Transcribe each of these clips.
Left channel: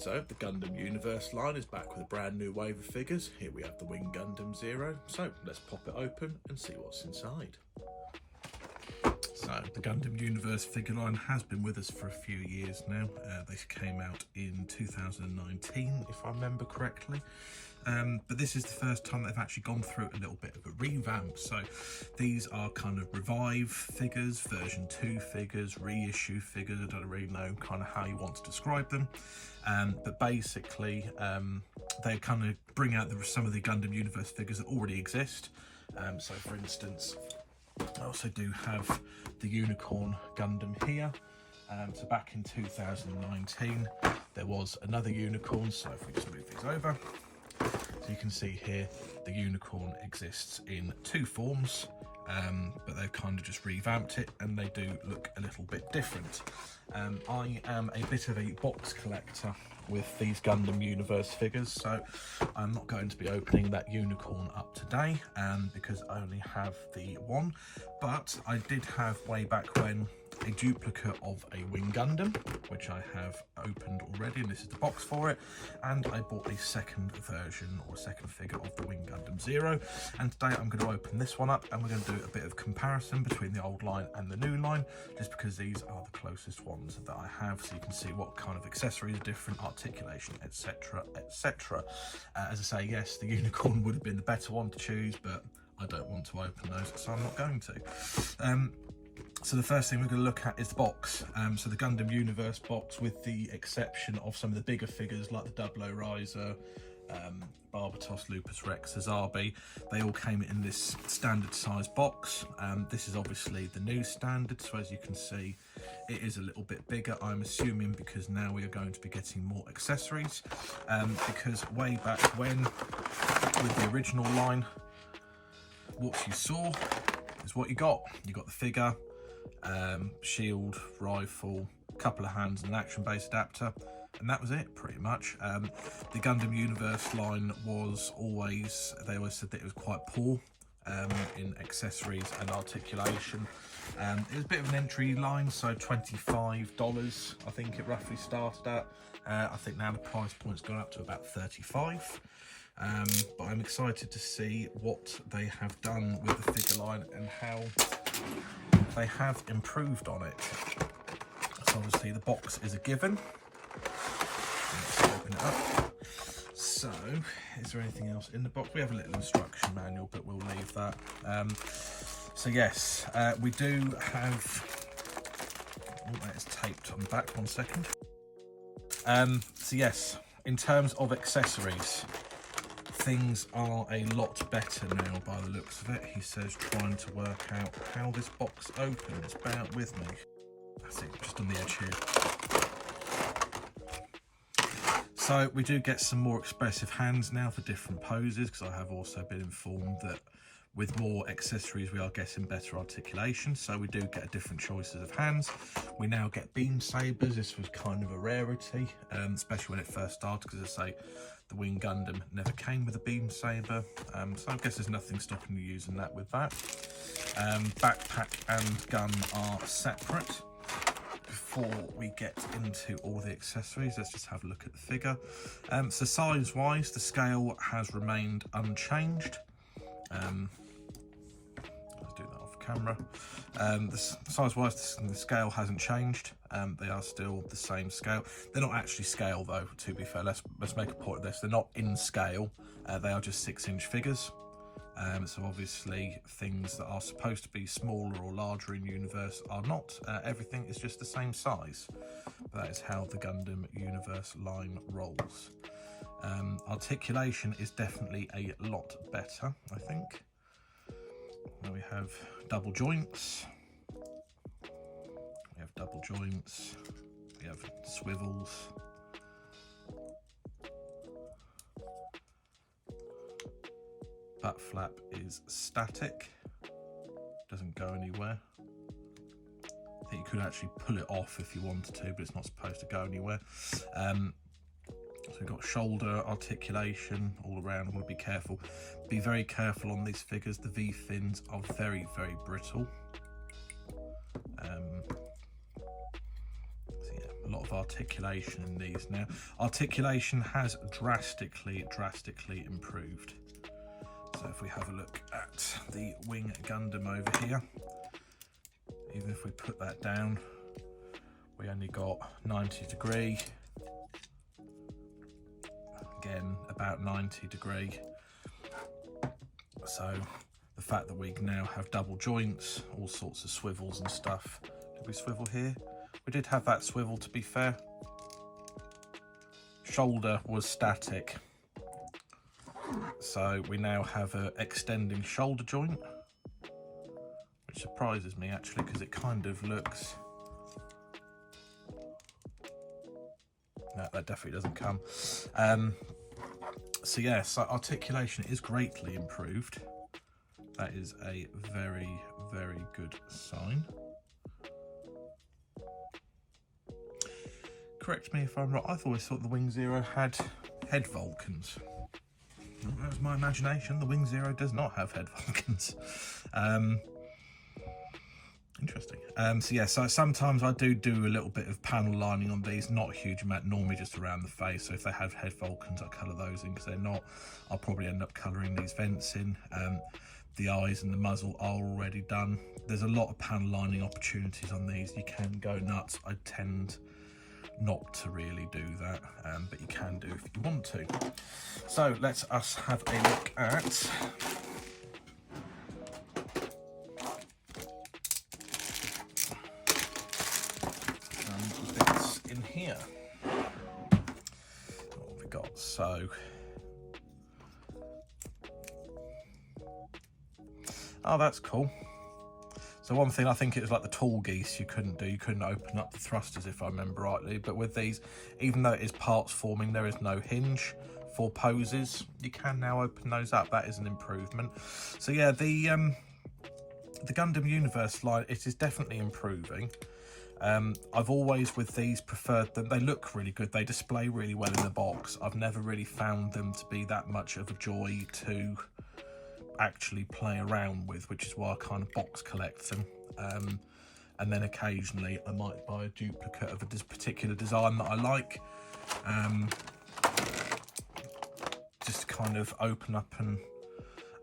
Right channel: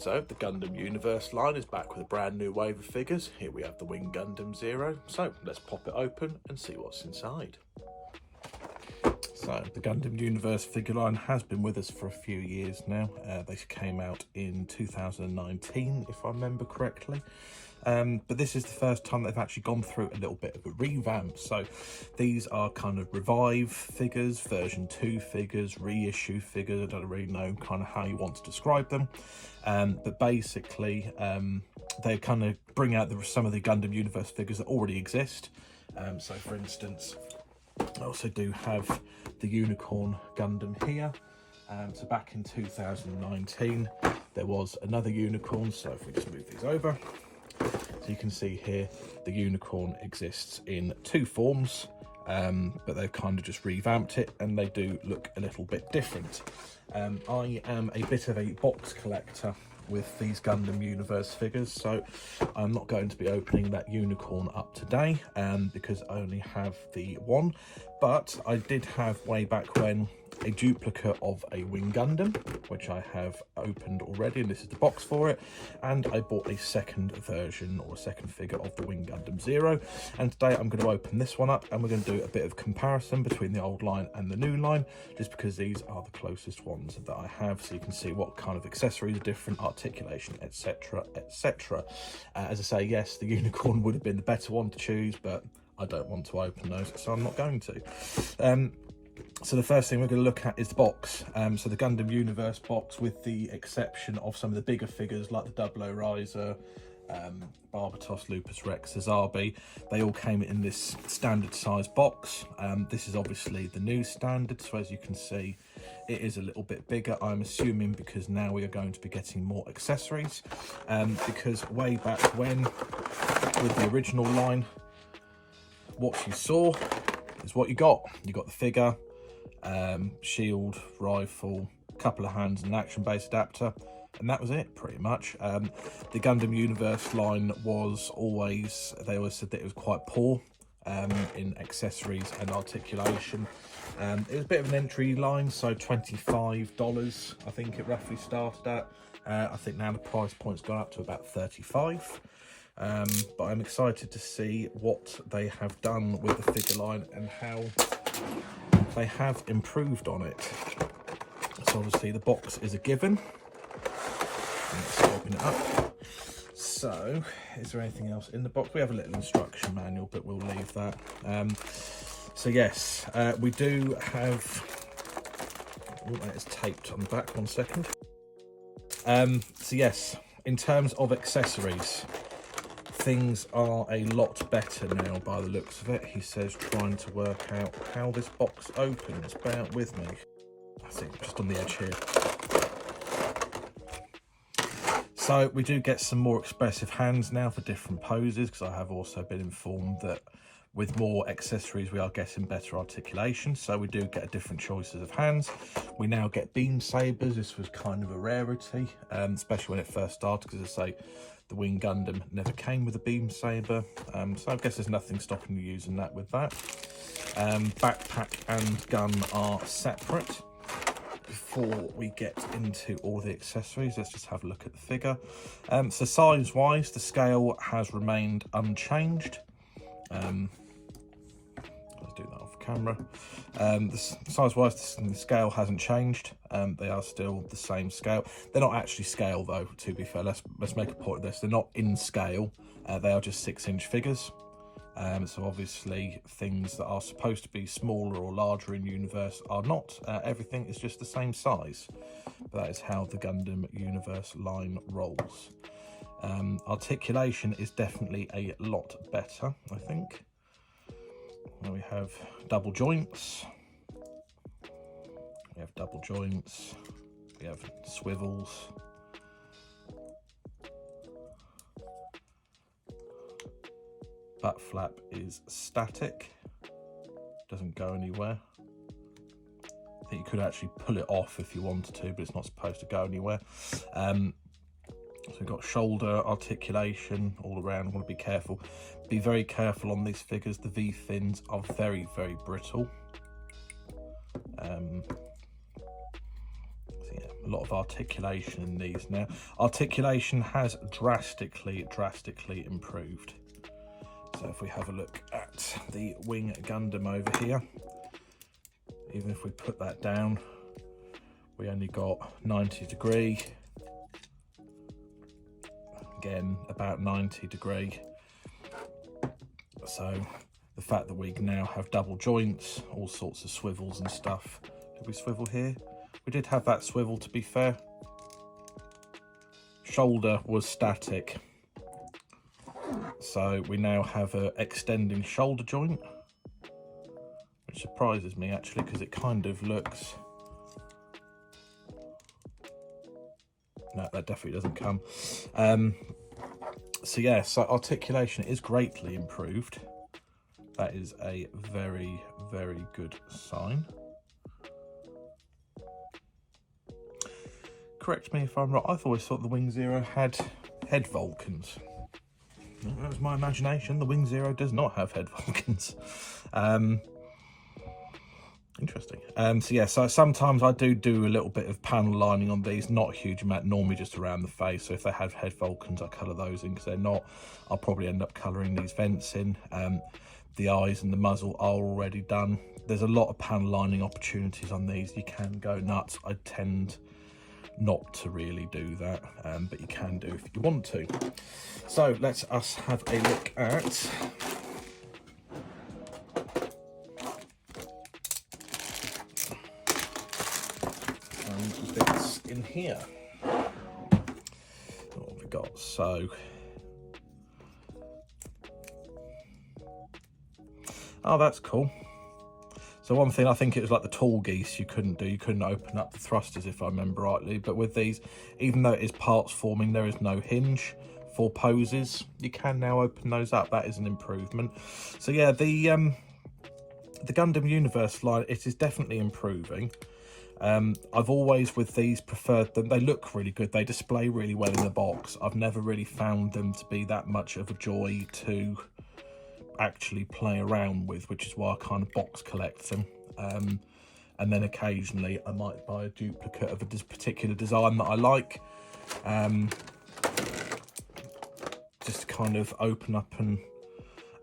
So the Gundam Universe line is back with a brand new wave of figures. Here we have the Wing Gundam Zero. So let's pop it open and see what's inside. So the Gundam Universe figure line has been with us for a few years now. They came out in 2019, if I remember correctly. But this is the first time they've actually gone through a little bit of a revamp. So these are kind of revive figures, version 2 figures, reissue figures. I don't really know kind of how you want to describe them. But basically, they kind of bring out some of the Gundam Universe figures that already exist. So for instance, I also do have the Unicorn Gundam here. So back in 2019, there was another Unicorn. So if we just move these over, so you can see here, the Unicorn exists in 2 forms, but they've kind of just revamped it and they do look a little bit different. I am a bit of a box collector with these Gundam Universe figures, so I'm not going to be opening that Unicorn up today because I only have the one, but I did have way back when a duplicate of a Wing Gundam, which I have opened already, and this is the box for it, and I bought a second version or a second figure of the Wing Gundam Zero, and today I'm going to open this one up and we're going to do a bit of comparison between the old line and the new line, just because these are the closest ones that I have, so you can see what kind of accessories are different, articulation, etc, etc. As I say, yes, the Unicorn would have been the better one to choose, but I don't want to open those, so I'm not going to. So the first thing we're going to look at is the box. So the Gundam Universe box, with the exception of some of the bigger figures like the Double Riser, Barbatos, Lupus Rex, Azabi, they all came in this standard size box. This is obviously the new standard, so as you can see, it is a little bit bigger, I'm assuming because now we are going to be getting more accessories, because way back when, with the original line, what you saw is what you got. You got the figure, shield, rifle, couple of hands and an action-based adapter, and that was it pretty much. The Gundam Universe line was always, they always said that it was quite poor in accessories and articulation. It was a bit of an entry line, so $25 I think it roughly started at. I think now the price point's gone up to about $35. But I'm excited to see what they have done with the figure line and how they have improved on it. So obviously the box is a given. Let's open it up. So, is there anything else in the box? We have a little instruction manual, but we'll leave that. So yes, we do have, oh, that is taped on the back, 1 second. So yes, in terms of accessories, things are a lot better now by the looks of it. He says trying to work out how this box opens. Bear with me. I think just on the edge here. So we do get some more expressive hands now for different poses, because I have also been informed that with more accessories we are getting better articulation, so we do get different choices of hands. We now get beam sabers. This was kind of a rarity, especially when it first started, because I say the Wing Gundam never came with a beam saber, so I guess there's nothing stopping you using that with that. Backpack and gun are separate. Before we get into all the accessories, let's just have a look at the figure. So size wise, the scale has remained unchanged. Let's do that off camera. Size wise, the scale hasn't changed. They are still the same scale. They're not actually scale though, to be fair. Let's make a point of this. They're not in scale. They are just 6-inch figures. So obviously things that are supposed to be smaller or larger in Universe are not. Everything is just the same size. But that is how the Gundam Universe line rolls. Articulation is definitely a lot better, I think. Now we have double joints. We have double joints. We have swivels. Butt flap is static, doesn't go anywhere. I think you could actually pull it off if you wanted to, but it's not supposed to go anywhere. So we've got shoulder articulation all around. I want to be careful. Be very careful on these figures. The V-fins are very, very brittle. So yeah, a lot of articulation in these now. Articulation has drastically improved. So if we have a look at the wing Gundam over here, even if we put that down, we only got 90 degree, again about 90 degree. So the fact that we now have double joints, all sorts of swivels and stuff. Did we swivel here? We did have that swivel, to be fair. Shoulder was static. So we now have an extending shoulder joint, which surprises me actually, because it kind of looks... No, that definitely doesn't come. So yeah, so articulation is greatly improved. That is a very good sign. Correct me if I'm wrong, I've always thought the Wing Zero had head Vulcans. That was my imagination. The Wing Zero does not have head Vulcans. Interesting. So yeah, so sometimes I do a little bit of panel lining on these, not a huge amount, normally just around the face. So if they have head Vulcans, I colour those in. Because they're not, I'll probably end up colouring these vents in. The eyes and the muzzle are already done. There's a lot of panel lining opportunities on these. You can go nuts. I tend not to really do that, but you can do if you want to. So let's us have a look at bits in here. What have we got? So oh, that's cool. So one thing, I think it was like the tall geese you couldn't do. You couldn't open up the thrusters, if I remember rightly. But with these, even though it is parts forming, there is no hinge for poses. You can now open those up. That is an improvement. So yeah, the Gundam Universe line, it is definitely improving. I've always, with these, preferred them. They look really good. They display really well in the box. I've never really found them to be that much of a joy to actually play around with, which is why I kind of box collect them. And then occasionally I might buy a duplicate of a particular design that I like, just to kind of open up and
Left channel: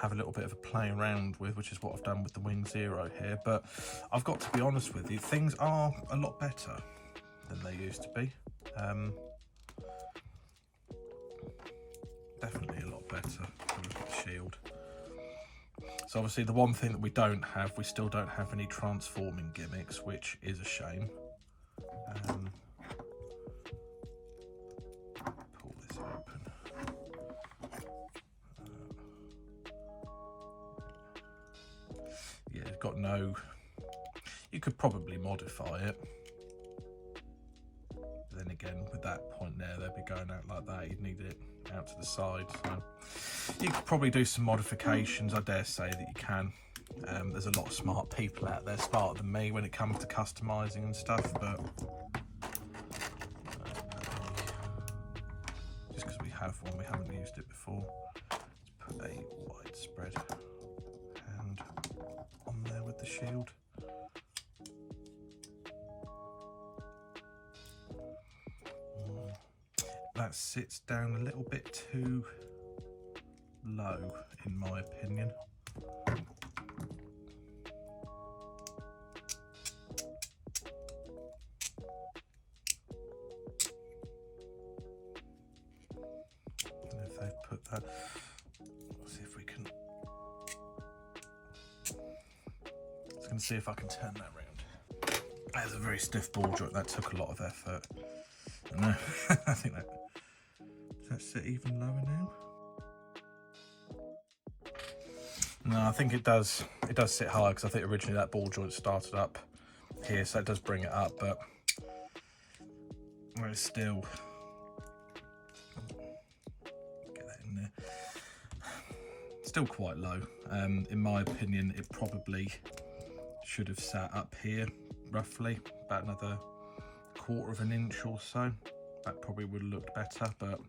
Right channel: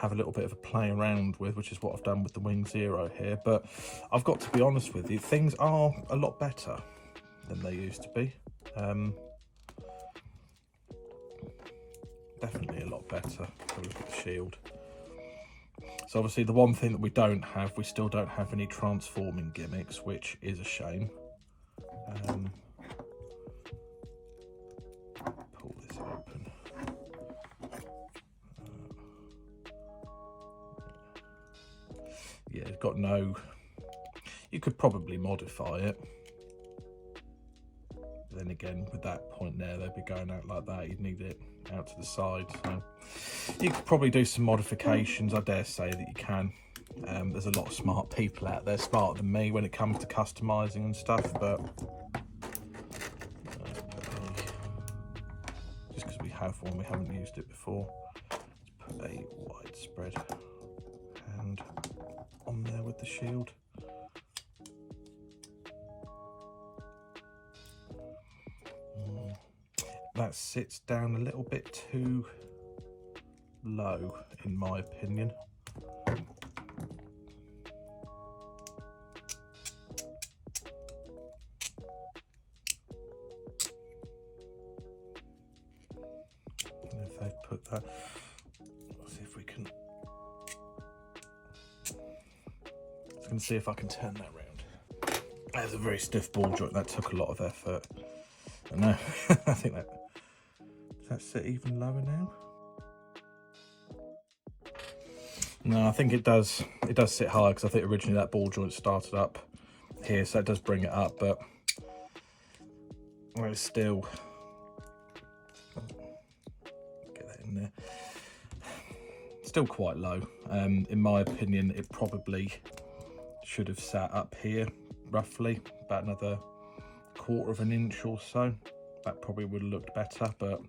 have a little bit of a play around with, which is what I've done with the Wing Zero here. But I've got to be honest with you, things are a lot better than they used to be. Definitely a lot better. Have a look at the shield. So obviously the one thing that we don't have, we still don't have any transforming gimmicks, which is a shame. Pull this open. Yeah, it's got no... You could probably modify it. But then again, with that point there, they'd be going out like that. You'd need it out to the side. So you could probably do some modifications. I dare say that you can. There's a lot of smart people out there, smarter than me when it comes to customizing and stuff, but just because we have one, we haven't used it before. Let's put a widespread hand on there with the shield. That sits down a little bit too low, in my opinion. And if they put that, let's see if we can. I can see if I can turn that around. That's a very stiff ball joint. That took a lot of effort. I know. I think that. Does that sit even lower now? No, I think it does. It does sit high because I think originally that ball joint started up here, so it does bring it up, but it's still. Get that in there. Still quite low. In my opinion, it probably should have sat up here, roughly about another 1/4 of an inch or so. That probably would have looked better, but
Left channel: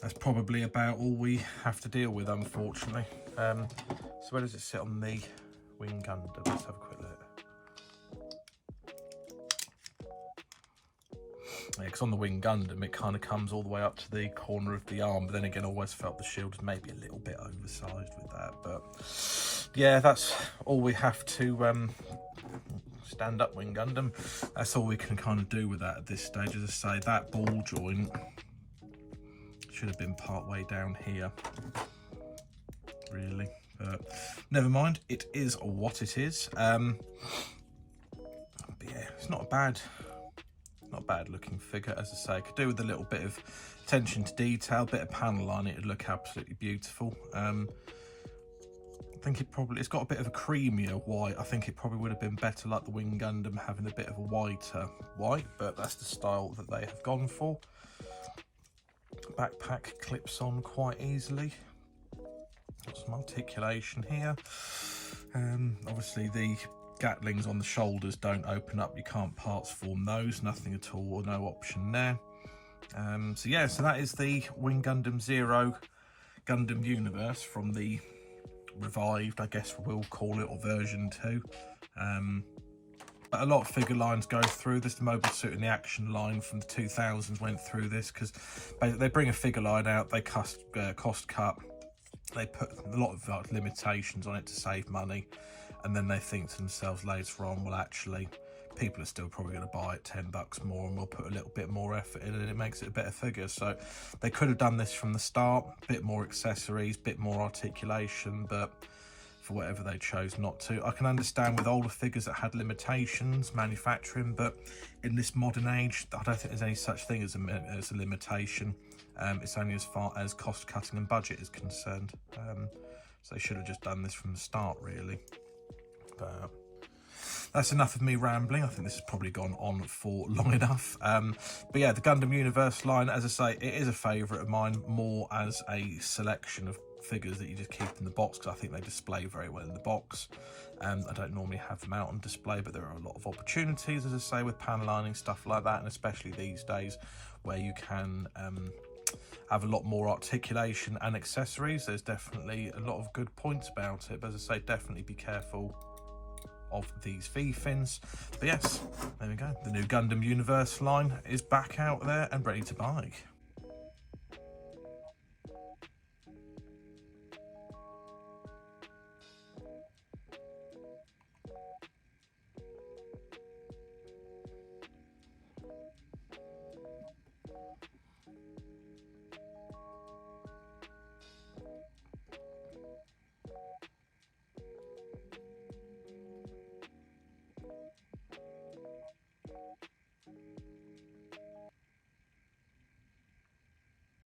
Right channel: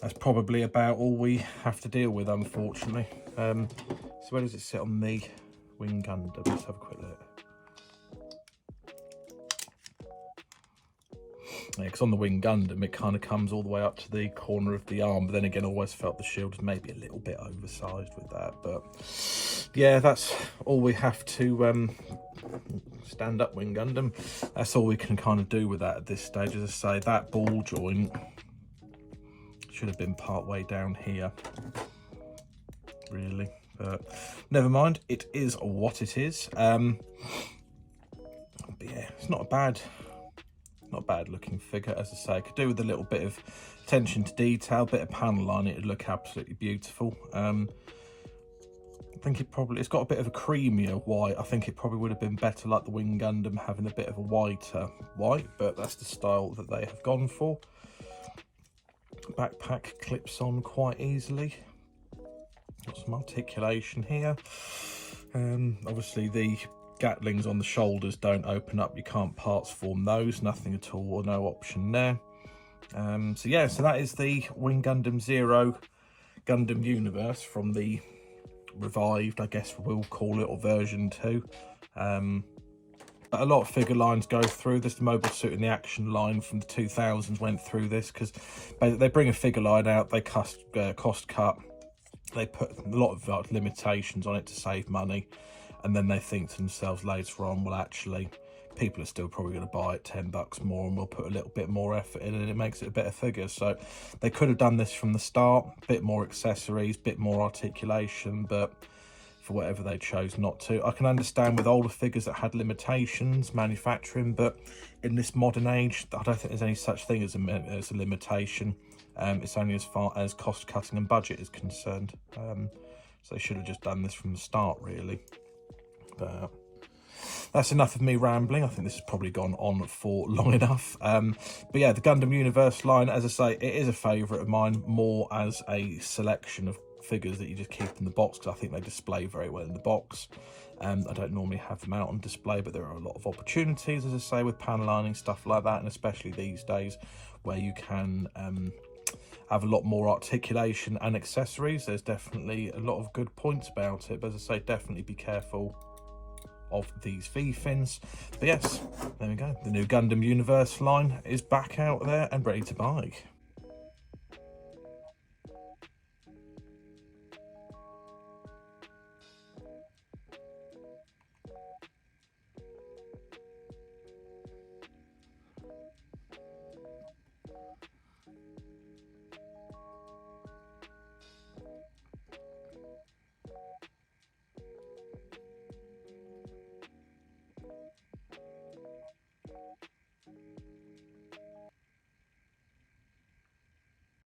that's probably about all we have to deal with, unfortunately. So where does it sit on the Wing Gundam? Let's have a quick look. Because on the Wing Gundam, it kind of comes all the way up to the corner of the arm. But then again, I always felt the shield was maybe a little bit oversized with that. But yeah, that's all we have to stand up Wing Gundam. That's all we can kind of do with that at this stage. As I say, that ball joint should have been part way down here, really. But never mind, it is what it is. But yeah, it's not a bad looking figure. As I say, could do with a little bit of attention to detail, bit of panel line, it would look absolutely beautiful. I think it's got a bit of a creamier white. I think it probably would have been better like the Wing Gundam, having a bit of a whiter white, but that's the style that they have gone for. Backpack clips on quite easily. Got some articulation here. Obviously the Gatlings on the shoulders don't open up, you can't parts form those, nothing at all, or no option there. So yeah, so that is the Wing Gundam Zero Gundam Universe from the revived, I guess we'll call it, or version 2. But a lot of figure lines go through this. The Mobile Suit and the Action line from the 2000s went through this, because they bring a figure line out, they cost cut, they put a lot of limitations on it to save money, and then they think to themselves later on, well, actually people are still probably going to buy it $10 more, and we'll put a little bit more effort in, and it makes it a better figure. So they could have done this from the start, a bit more accessories, bit more articulation, but for whatever they chose not to. I can understand with older figures that had limitations manufacturing, but in this modern age, I don't think there's any such thing as a limitation. It's only as far as cost cutting and budget is concerned. So they should have just done this from the start, really. But that's enough of me rambling. I think this has probably gone on for long enough. But yeah, the Gundam Universe line, as I say, it is a favourite of mine, more as a selection of figures that you just keep in the box, because I think they display very well in the box. I don't normally have them out on display, but there are a lot of opportunities, as I say, with panel lining, stuff like that, and especially these days where you can have a lot more articulation and accessories. There's definitely a lot of good points about it, but as I say, definitely be careful of these V-fins. But yes, there we go. The new Gundam Universe line is back out there and ready to buy.